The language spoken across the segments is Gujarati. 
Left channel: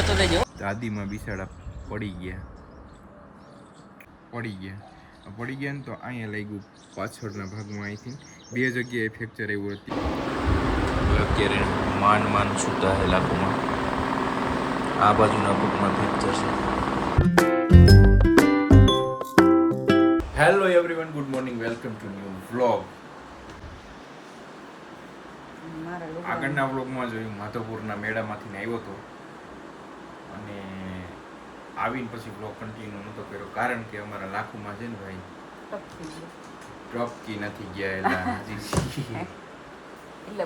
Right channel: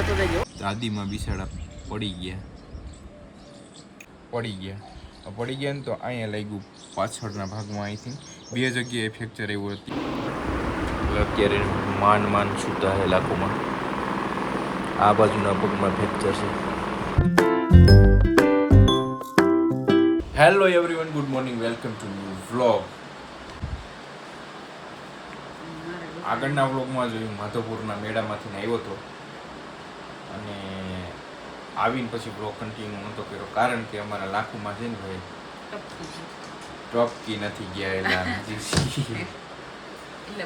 દાદીમાં બિસાડા પડી ગયા ને તો અહીંયા લાગ્યું પાછળના ભાગમાં. અહીંથી 2 જગ્યાએ ફ્રેક્ચર આવ્યું હતું. અત્યારે માંડ છૂટા હે લાખોમાં. આ બાજુના પગમાં ફ્રેક્ચર છે. Hello everyone, good morning, welcome to new vlog. આગળના વ્લોગમાં જોયું માધવપુરના મેળામાંથી આવ્યો હતો અને આવીને પછી વ્લોગ કન્ટિન્યુ નહોતો કર્યો, કારણ કે અમારા લાખોમાં છે ને ભાઈ ટપકી નથી ગયા, એટલે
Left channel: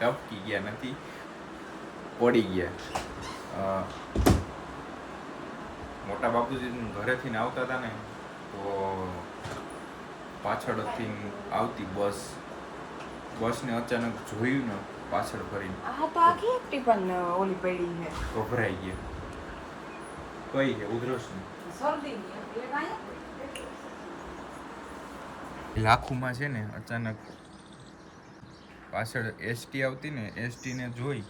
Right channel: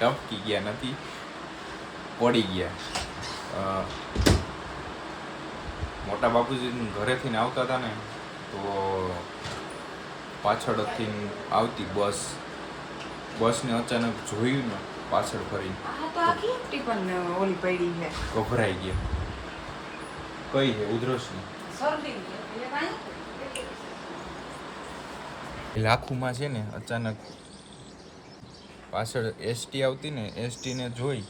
ટપકી ગયા નથી, પડી ગયા. મોટા બાપુજી ઘરેથી આવતા હતા ને તો પાછળથી આવતી બસને અચાનક જોયું ને પાછળ ફરીને ઓલી પડી છે, ગભરાઈ ગયા. કઈ છે ઉધરસની લાખુમાં છે ને અચાનક પાછળ એસટી આવતી ને, એસટીને જોઈ,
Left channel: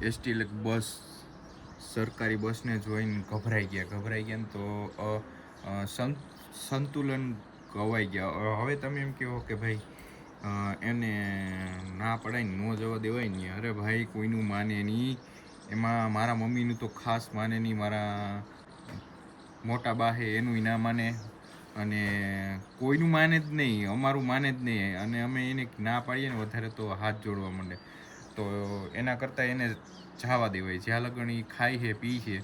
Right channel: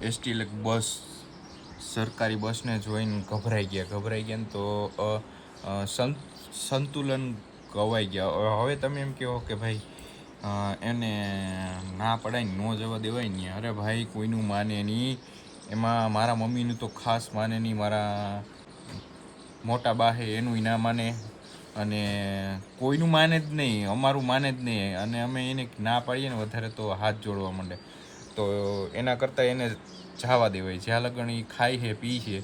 એસટી બસ સરકારી બસને જોઈને ગભરાઈ ગયા ને તો સંતુલન ગવાઈ ગયા. હવે તમે એમ કહો કે ભાઈ એને ના પડાય ન જવા દેવાય ને. અરે ભાઈ કોઈનું માને નહીં, એમાં મારા મમ્મીનું તો ખાસ માને નહીં, મારા મોટા બા હે એનું ના માને, અને કોઈનું માને જ નહીં, અમારું માને જ નહીં. અને અમે એને ના પાડીએ ને વધારે તો હાથ જોડવા માંડે. તો એના કરતાં એને જવા દેવાય. જ્યાં લગણ એ ખાય છે, પી છે,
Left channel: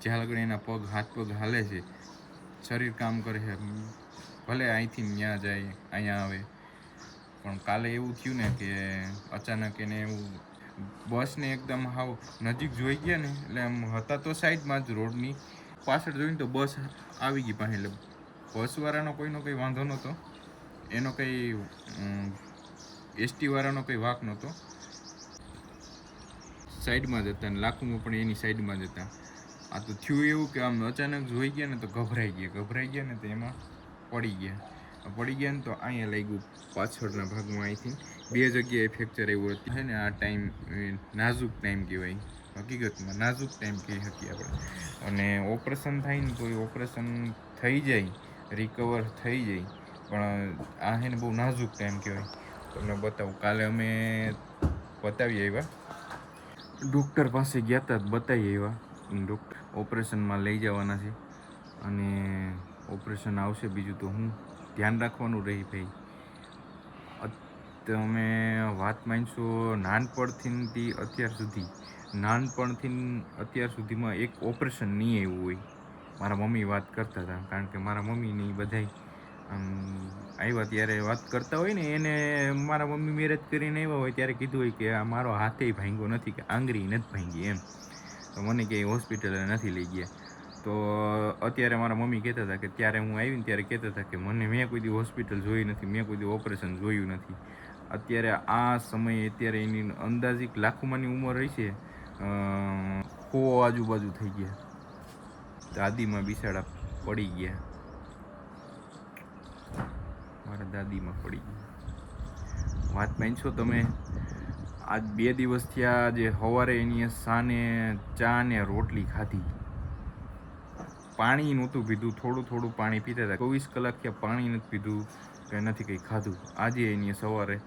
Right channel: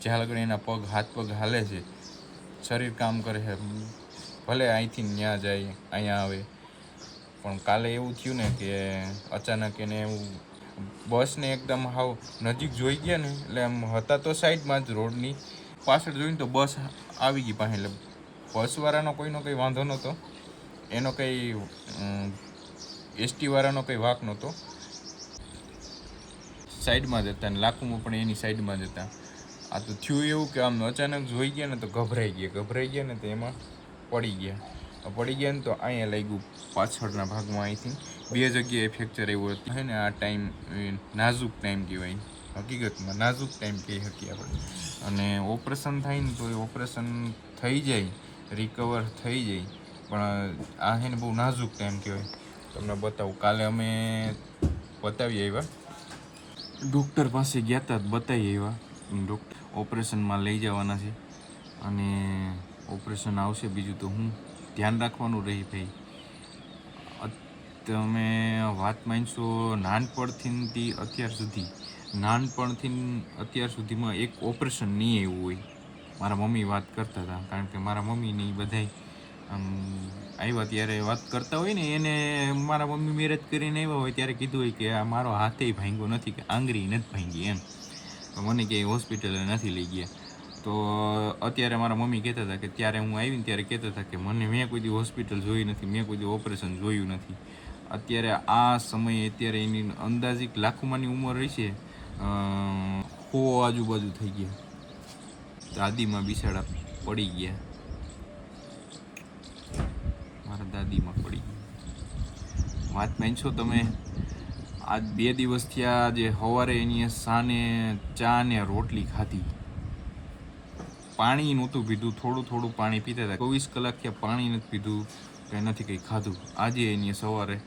જ્યાં લગણ એના હાથ પગ હાલે છે, શરીર કામ કરે છે, ભલે અહીંથી ત્યાં જાય અહીંયા આવે. પણ કાલે એવું થયું ને કે અચાનક એને એવું બસને એકદમ હાવ નજીક જોઈ ગયા ને, એટલે આમ હતા તો સાઈડમાં જ રોડની પાછળ જોઈને તો બસ આવી ગઈ પાસે. એટલે બસવાળાનો કોઈનો કંઈ વાંધો નહોતો, એનો કંઈ એસટીવાળાનો કંઈ વાંક નહોતો. સાઈડમાં જ હતા ને લાખોમાં પણ એની સાઈડમાં જ હતા. આ તો થયું એવું કે આમ અચાનક જોઈ ગયા ને તો ગભરાઈ ગયા ને તો એમાં પડી ગયા ને તો અહીંયા લાગ્યું પાછળના ભાગમાં. અહીંથી 2 જગ્યાએ ફ્રેક્ચર આવ્યું હતું. છે ને આ ટાઈમ નાજુક ટાઈમ કહેવાય, હકીકતમાં નાજુક ટાઈમ કહી શકીએ આપણે. અને ઓપરેશન થાય ને તો એ ઓપરેશન થઈ જાય, રિકવર થઈ જાય, પણ આ છે ને બહુ નાજુક ટાઈમ કહેવાય. તમને બતાવું, કાલે અમે બતાવી આવ્યા, ડૉક્ટર પાસે ગયા હતા, બતાવી આવ્યા. ડૉક્ટર ઓપરેશનમાં લઈ જવાના છે અને ઓપરેશન આવશે. બીજું તો હું ધ્યાન રાખવાનું રહી ભાઈ. તમે વાત માનશો, નાનપણથી અત્યાર સુધીમાં એક ઓપરેશન નહીં આવ્યું હોય. મારા મમ્મી વાત કરતા હતા, કારણ કે મારા મમ્મીને બધાય આવ્યા ત્યારે વાત કરતા હોય ને, એને મારા મમ્મી મેરેજ કરીને આવ્યા હોય ત્યારે કીધું હોય કે આ મારો હાથે ભાંગ્યો નથી, કે આંગળી નથી ભાંગી એમ. તો મને ક્યાંય હોસ્પિટલે નથી લઈ ગયા. તો અત્યારે મારા મમ્મી કહેતા હતા કે ત્યારે હું આવીને ત્યારે કહેતા હતા કે મેં કોઈ દી હોસ્પિટલ જોઈ નથી, મેં કોઈ દી ઓપરેશન જોયું નથી. અત્યારે આ સમયે અત્યારે એની અંદાજિક લાખોમાંની ઉંમર રહી છે, 100 આજુબાજુ થઈ ગયા. દાદીમાં બિસાડા પડી ગયા, મારા દાદીમાં પડી ગયા. વાત માનશો તમે, આજ 2 દિવસ થયા, જે સવારે એની સાને ચા ને રોટલી ખાધી, પાણી નહોતું પીધું, થોડું પાણી પીતા હતા. 24 કલાક થયા પાણી નથી પીધું, કે નથી કંઈ ખાધું. આજે એની સવારે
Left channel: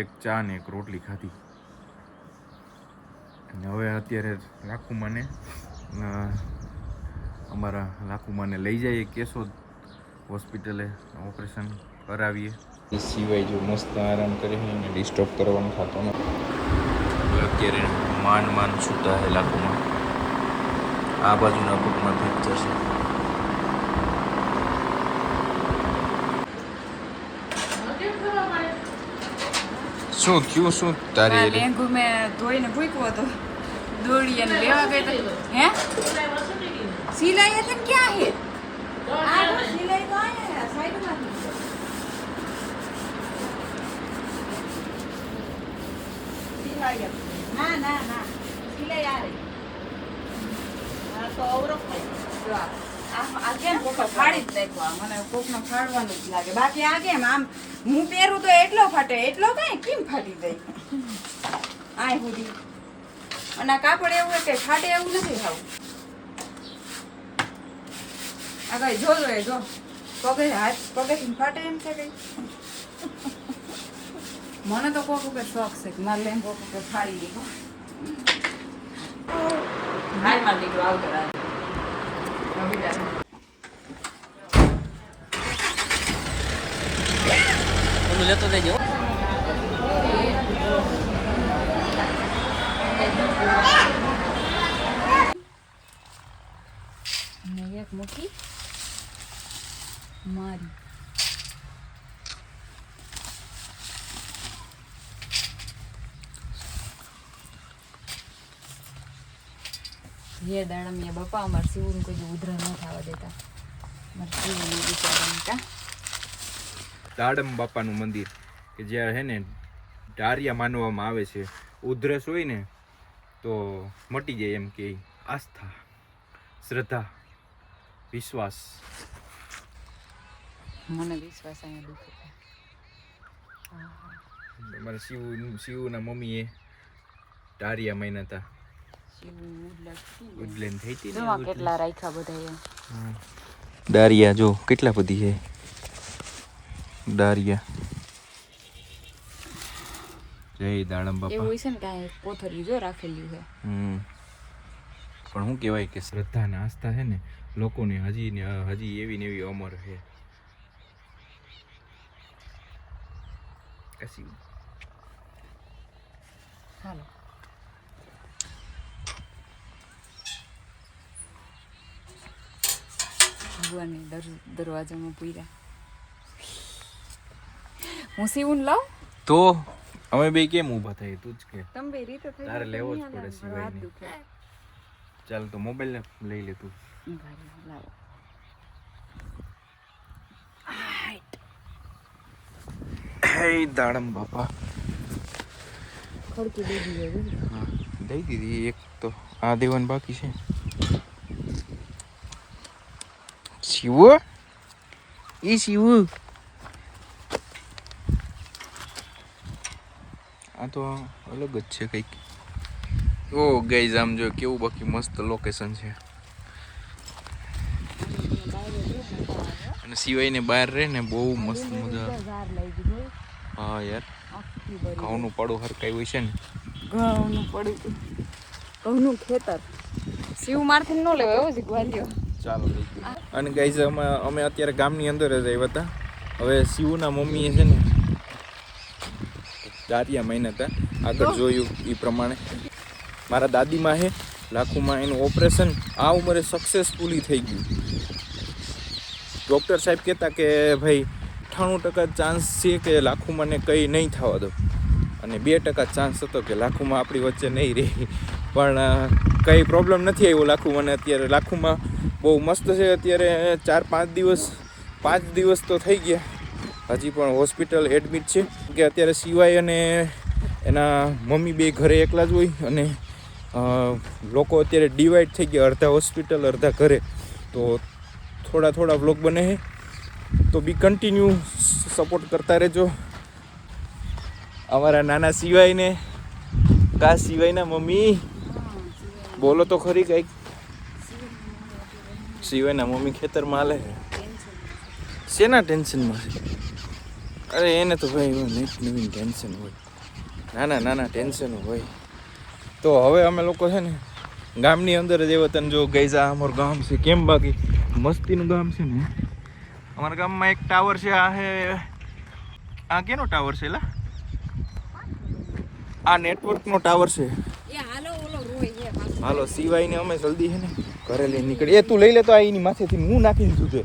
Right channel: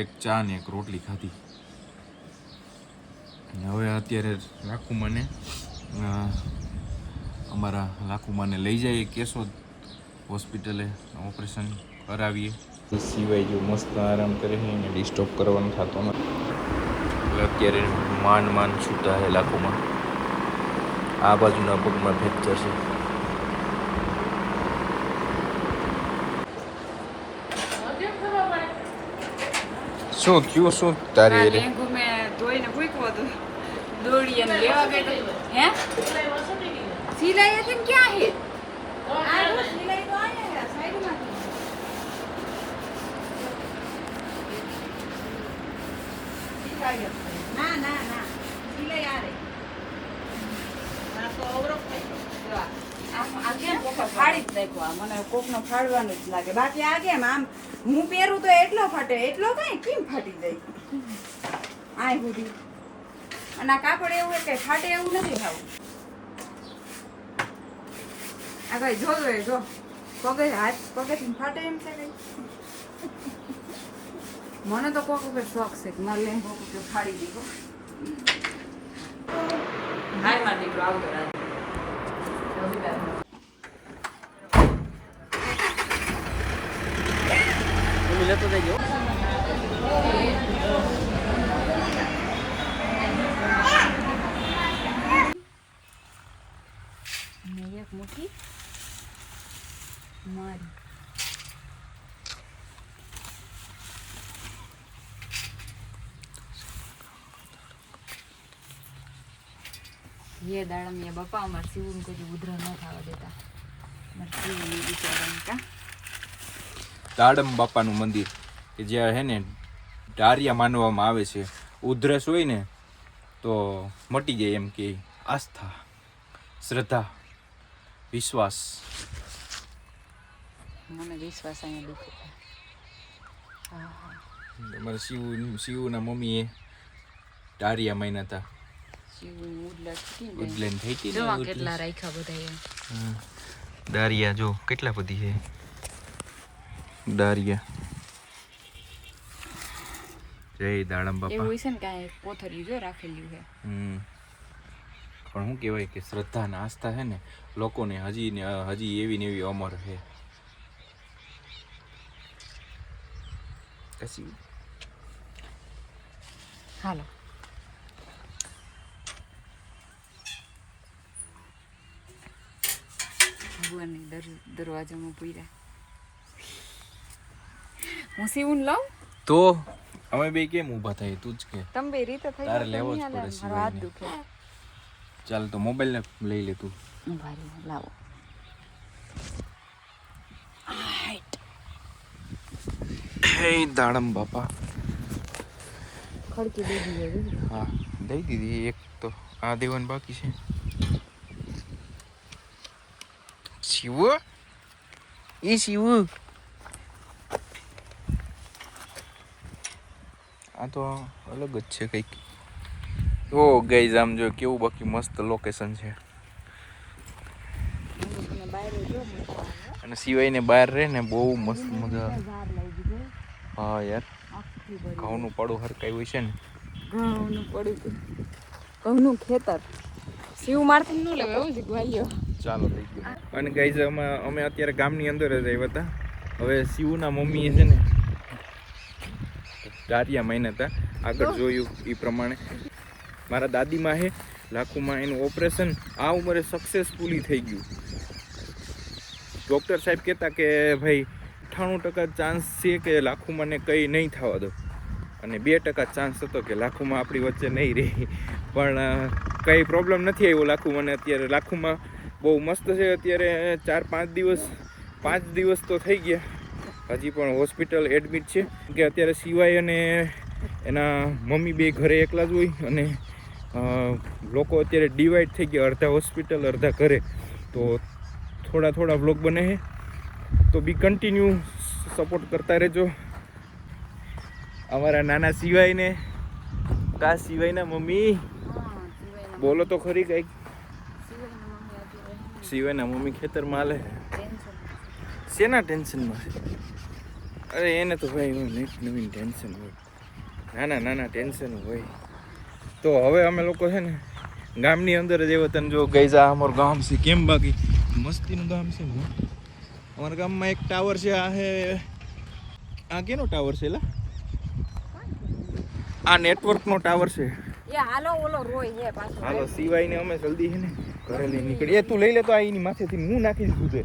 એક ચા ને એક રોટલી ખાધી. હવે અત્યારે અમારા લાખુમાને લઈ જઈએ કેશોદ હોસ્પિટલે, ઓપરેશન કરાવીએ. એ સિવાય જો મસ્ત આરામ કરે છે, એને ડિસ્ટર્બ કરવાનો થતો નથી. અત્યારે માંડ છૂટા છે લાખોમાં. આ બાજુના પગમાં ફ્રેક્ચર છે. શું થયું? શું તારી મેં ધોઈને પૂછ્યું હતું, દોડી અને લેવા ગઈ તો હે સિલાઈ હતી ને ક્યાં હે? સિલાઈ તો આયા સાઈડમાં. ના સિલાઈ આ રહી. આ તો અવરો આ કેમ કોકા ફાડી જ નાખવા, મને કોકનો ફાડવાનું જ લાગે. બાકી આ કેમ આમ હું પહેરું તો એટલો ફાટે, એટલો કઈ કેમ ફાટી જાય? આ સુધી અને આ કાપડ એવું કે ફાટે એવું નથી થાવું. આ કઈ જોજો એ જો પગે હાથ પગેથી ફાટે એમ છે કઈ. મને તો કોક ઉપર શોખ છે કે મારે લઈને કોક ઉપર ફાડી દીધું. હાય માર દીકરો આવતો રાત લેતો દેજો. એક મુઠ્ઠી મારી ये दाड़ा में बापा हमारे शिवन को जो उधर न था देता हमारे शिवन बिचारा का દાડમ બાપાનું મંદિર કે જ્યાં હે ને ડારિયા માનવામાં આવે છે. ઉધરસ હોય ને તો મટી જાય એમ કે આસ્થા, શ્રદ્ધા, વિશ્વાસ. મને વિશ્વાસ અહીંયા દુખે. તમારા શિવના મમ્મીએ ડારિયા માન્યા હતા. ઉડલેન થઈ હતી જો કેટલા રાખ્યા બધા. ડારિયા જો કેટલા બધી છે ડારિયા. જય દાડમ બાપા. એવું છે ને કાંઈ કોથળી જો રાખેલી છે. પણ શું કહેવાય કે શ્રદ્ધા ને આસ્થા છે ને લોકોને હજી એવી ને એવી અમર છે. કશી હાલો ભગવાનની દરવાજામાં પૂર્યા. હું સીવું લાવ તો અમે બે કેમ ઊભા થાય તું જ કે તમે બે રીતે થઈ તારે લેવો જ પડે સિવાય. ચાલ તો મોબાઈલ લઈ લે તું. લાવો હે દાડમ બાપા. ખડકી દઈ દીધી. હા દઈ દીધી એક તો આ દેવાનું બાકી છે. શિવ એ શિવ આ તો અલગ જ છે કંઈક. ઓ ગાઈઝ આમ જો કેવું બાકી મસ્ત લોકેશન છે. અને સિવાયને બહાર રહે ને બહુ મસ્ત મજા આવે. હા યાર ઘઉંનું પડું હરકાયું હોય છે ને. ઘઉંનું પડું ઘઉંનું ખેતર શિવ મારથી ન લેવાય એવો જ વાલ્યો. ચાલો થઈ ગયું. અને ગાઈઝ અમે અત્યારે ગામની અંદર જ આવ્યા હતા. હવે શિવના મમ્મીએ છે ને ડારિયા માન્યા હતા. આગળ જોયું એ પ્રમાણે મારા દાદીમાં છે લાખુમાં એનું ઓપરેશન આ ઉંમરે સક્સેસફુલી થઈ ગયું. ડૉક્ટર સાહેબ કહેતા કે ભાઈ 98% ચાન્સ છે કે લાખુમાંને કંઈ નહીં થવા દો અને 2% ચાન્સ હતો કે લાખુમાં આપણી વચ્ચે નહીં રહી. પણ કંઈ પ્રોબ્લેમ નથી આવ્યો લાખુમાંને. અત્યારે લાખુમાં બહુ મસ્ત છે. અત્યારે 4-5 દિવસ તો થઈ ગયા. હજી પણ હોસ્પિટલ એડમિટ છે કે અત્યારે સિવાય અને એના મમ્મી બે ઘરે એકલા જ હોય અને લોકો અત્યારે ડિવાઈડ થઈ ગયા. અડધા હોસ્પિટલ અડધા ઘરે. તો થોડા વ્લોગ બને છે તો બી કન્ટિન્યુ સપોર્ટ કરતા રહેજો. અમારા નાના સિવાયને કા સિવાયના મમ્મી બોલો તો ખરી કંઈક. સિવાયના મમ્મી ખેતરમાં હાલે છે. શેના ટેન્શનમાં? અરે એને તો ભાઈ નવીન ટેન્શન હોય. નાના ટેન્શન હોય. તો હવે અમે લોકો છે ને ગામની અંદર જ એવા તને જો ગઈ આ અમારું ગામ છે. કેમ બાકી મસ્તીનું ગામ છે ને. અમારા ગામમાં એક ટાવર છે. આ હે આ કેનો ટાવર છે લા? આ નેટવર્કનો ટાવર છે. હાલો સિવાયને અમે જલ્દી છે ને ઘરે લઈને નીકળી. તું લઈ લે તો આ એની માથેથી હું નાખી દીધું છે.